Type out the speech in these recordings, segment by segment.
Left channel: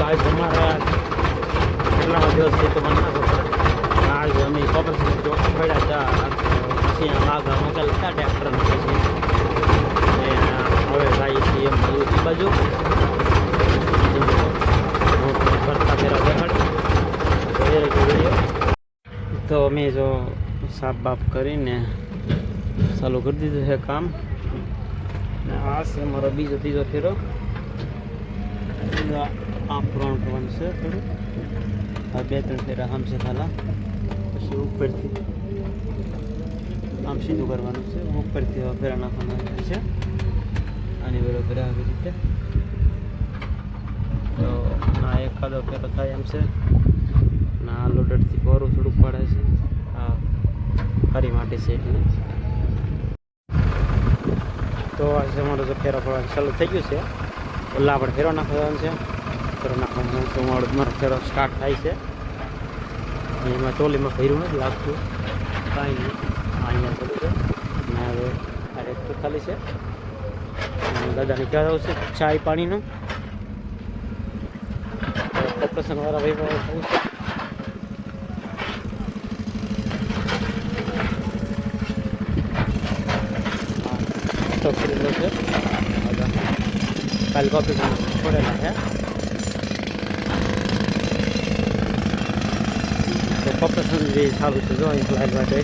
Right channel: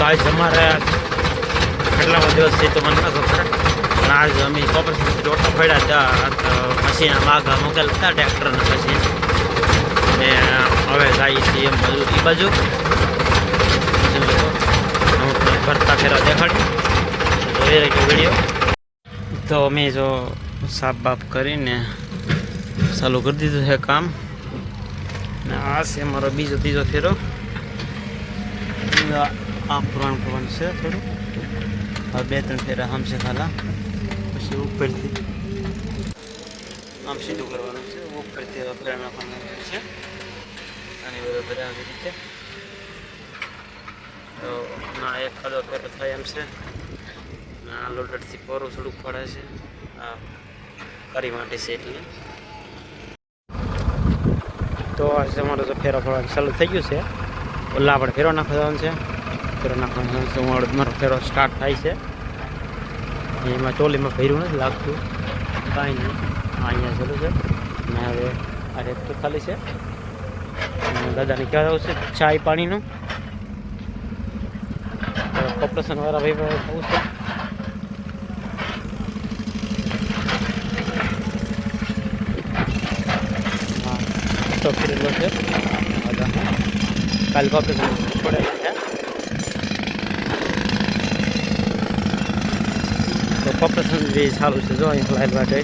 આજ અમારે કેટલામાં દિવસથી તો મને ન ખબર પણ આજ અમે કોપરેશન ઓટો પડ્યા હતા મશીન માગા મોકલ હતા ટ્રેક્ટરના મશીન ને હવે જાય છે એમ બાજુ હું ભરતા ફેરા દેખાડ્યું જોઈ રહ્યો વિડીયો તો અમે જો સાફ બાફ કરીને ચાલુ કરી દીધું છે કામ ને આ છે અમારો ત્રીજો ફેરો આ પુરાણ કરવાનું છે થોડું હવે 2-3 ફેરા આમ છે ખાલા પછી ઉપરથી આમ સીધું કરવાનું છે ઉપરથી હવે ફેરા નાખવાના છે આની બધા ફેરા આવી રીતે તો ના એકાદો ફેરો થાય એમ છે ના લોડરથી પોરું થોડુંક પડે છે આ કરી માટે છે એટલે તો આજે અમારો જો ફેરો પડવાનું ચાલુ થઈ ગયું છે ઓલા આપણે ફેરો નાખવાનું છે ફેરો નાખવાનો છે મારો ફેરો સ્ટાર્ટ થાય છે એમાં ટોલીમાં ભર્યું નથી લાગતું કાંઈ નહીં અહીંયા ચાલુ છે ને હવે આ ટ્રેક્ટર ખાલી છે દાદાને કહેવાનું છે ચાય પાણીનું કોર્પોરેશન વાળા ભાઈ થવું છે હા તો ફરેલો છે કાલે કોર્પોરેશન પડેલા છે તો કોર્પોરેશન બી સારું છે જો અહીં લાઈન માટે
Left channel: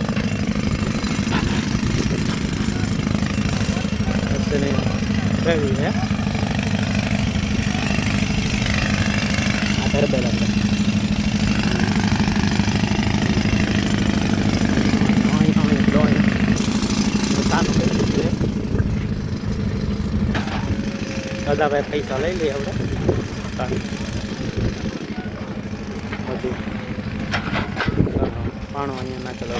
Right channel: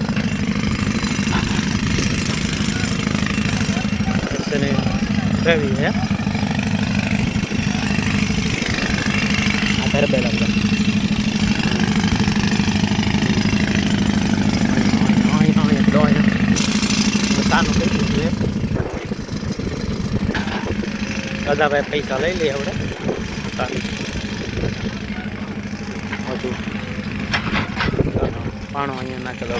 રવિ છે આ તરબેલ આપણે સાનું કહી દીધું છે દાદાભાઈ પૈસા લઈ લઈએ આપણે બધું પાણો અહીંયા નાખેલો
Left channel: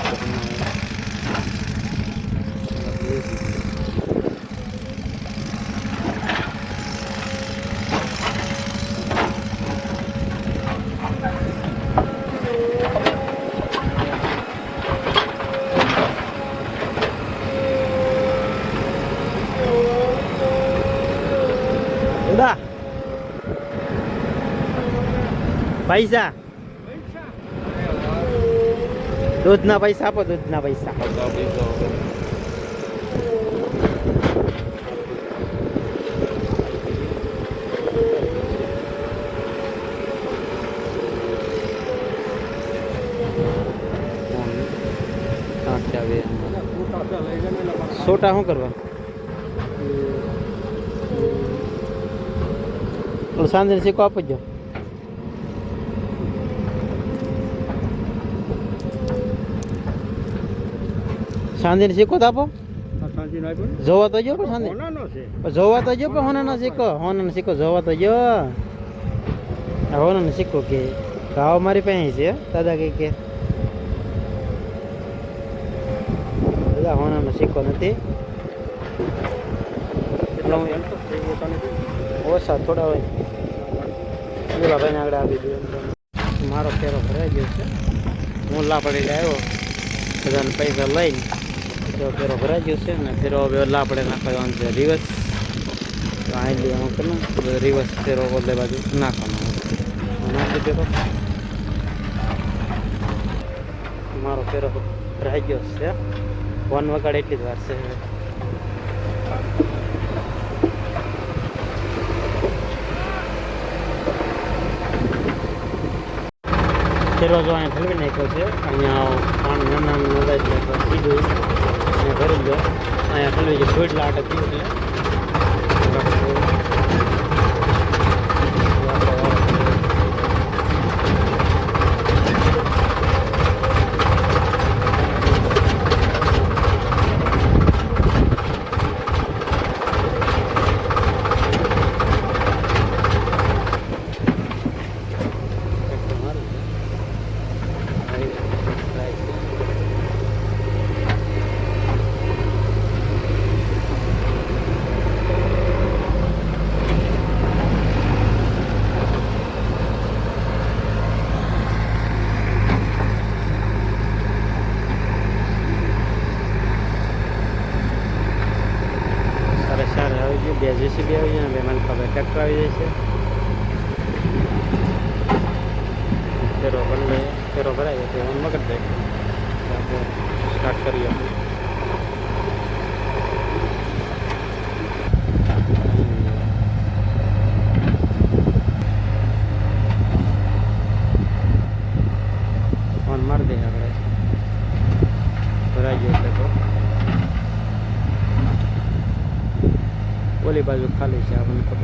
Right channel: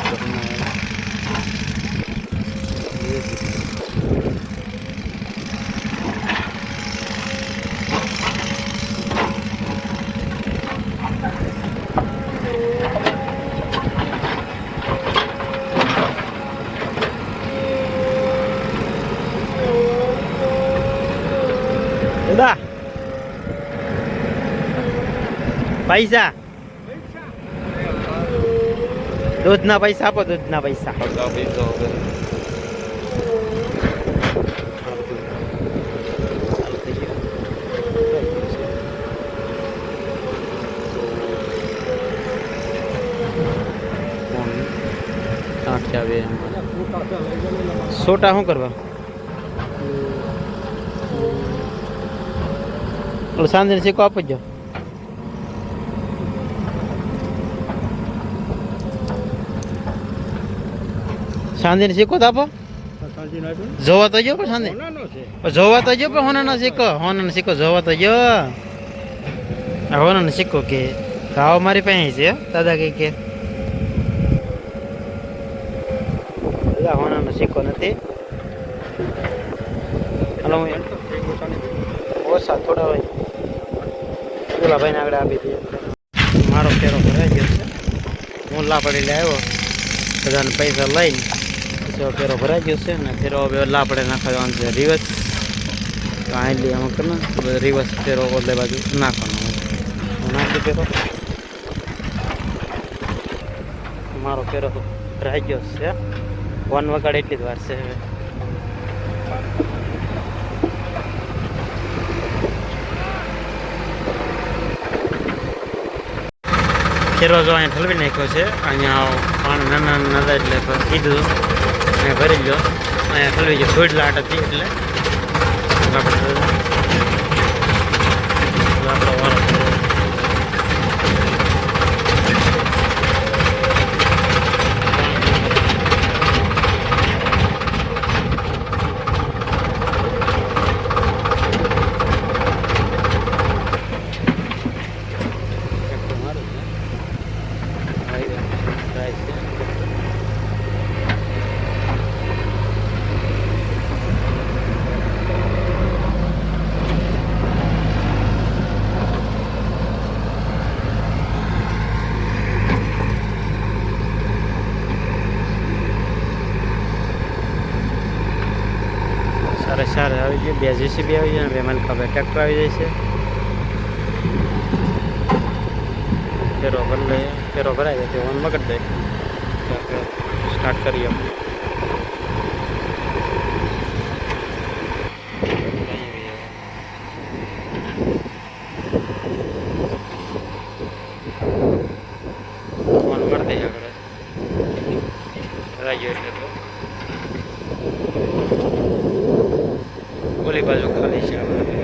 દાદા પૈસા દૂધના પૈસા આપો દૂધના પૈસા સોટા શું કરવા સાંજે શીખો આપજો સાંજે શીખો તો આપો જોવા તો જો પણ સાંજે જોવા તો જો પણ હોના શીખો જોવા તો જો હોના શીખો કે ખાવા મારી પાસે છે દાદા કે દાદા હોના શીખો નથી ઓછા થોડા હોય બોલા ભાઈને આગળ આપી દઈએ મારો ફેરો ભરાઈ ગયો છે હું લાપડી આવ્યો બધાને પૈસા લઈને ફેરો ભરાઈ ગયો છે ને ફેરો હવે લાપડે નાખવાનો છે રિવર્સ કાંઈ અમુક ને રિવર્સ ફેરો ઓલે બાજુ નાખવાનો નાખી ફેરો મારો ફેરો ભરાઈ ગયો છે 1 વગાડે એટલી જ વાર છે હવે ફેરો જો અહીંયા ઠલવી નાખ્યો છે અહીંયા પાણી નાના એટલે કીધું અહીંયા ભરી ગયો અહીંયા ઠલવી ગયો થોડી લાટ હતી એટલે આપણો વારો સારા આવી ગયું 2 JCB આવી જાય 2 મલકા ટ્રેક્ટર આવી જાય છે ફેરો ભરી લઈએ, ફેરો ભરાય છે ઓન મગડ દે સ્ટાર્ટ કરીએ આપણે. ફોન મારી દઈએ આપણે ભરાઈ ગયો એટલે તો ઓલી બાજુ ખાલી છે આપણે.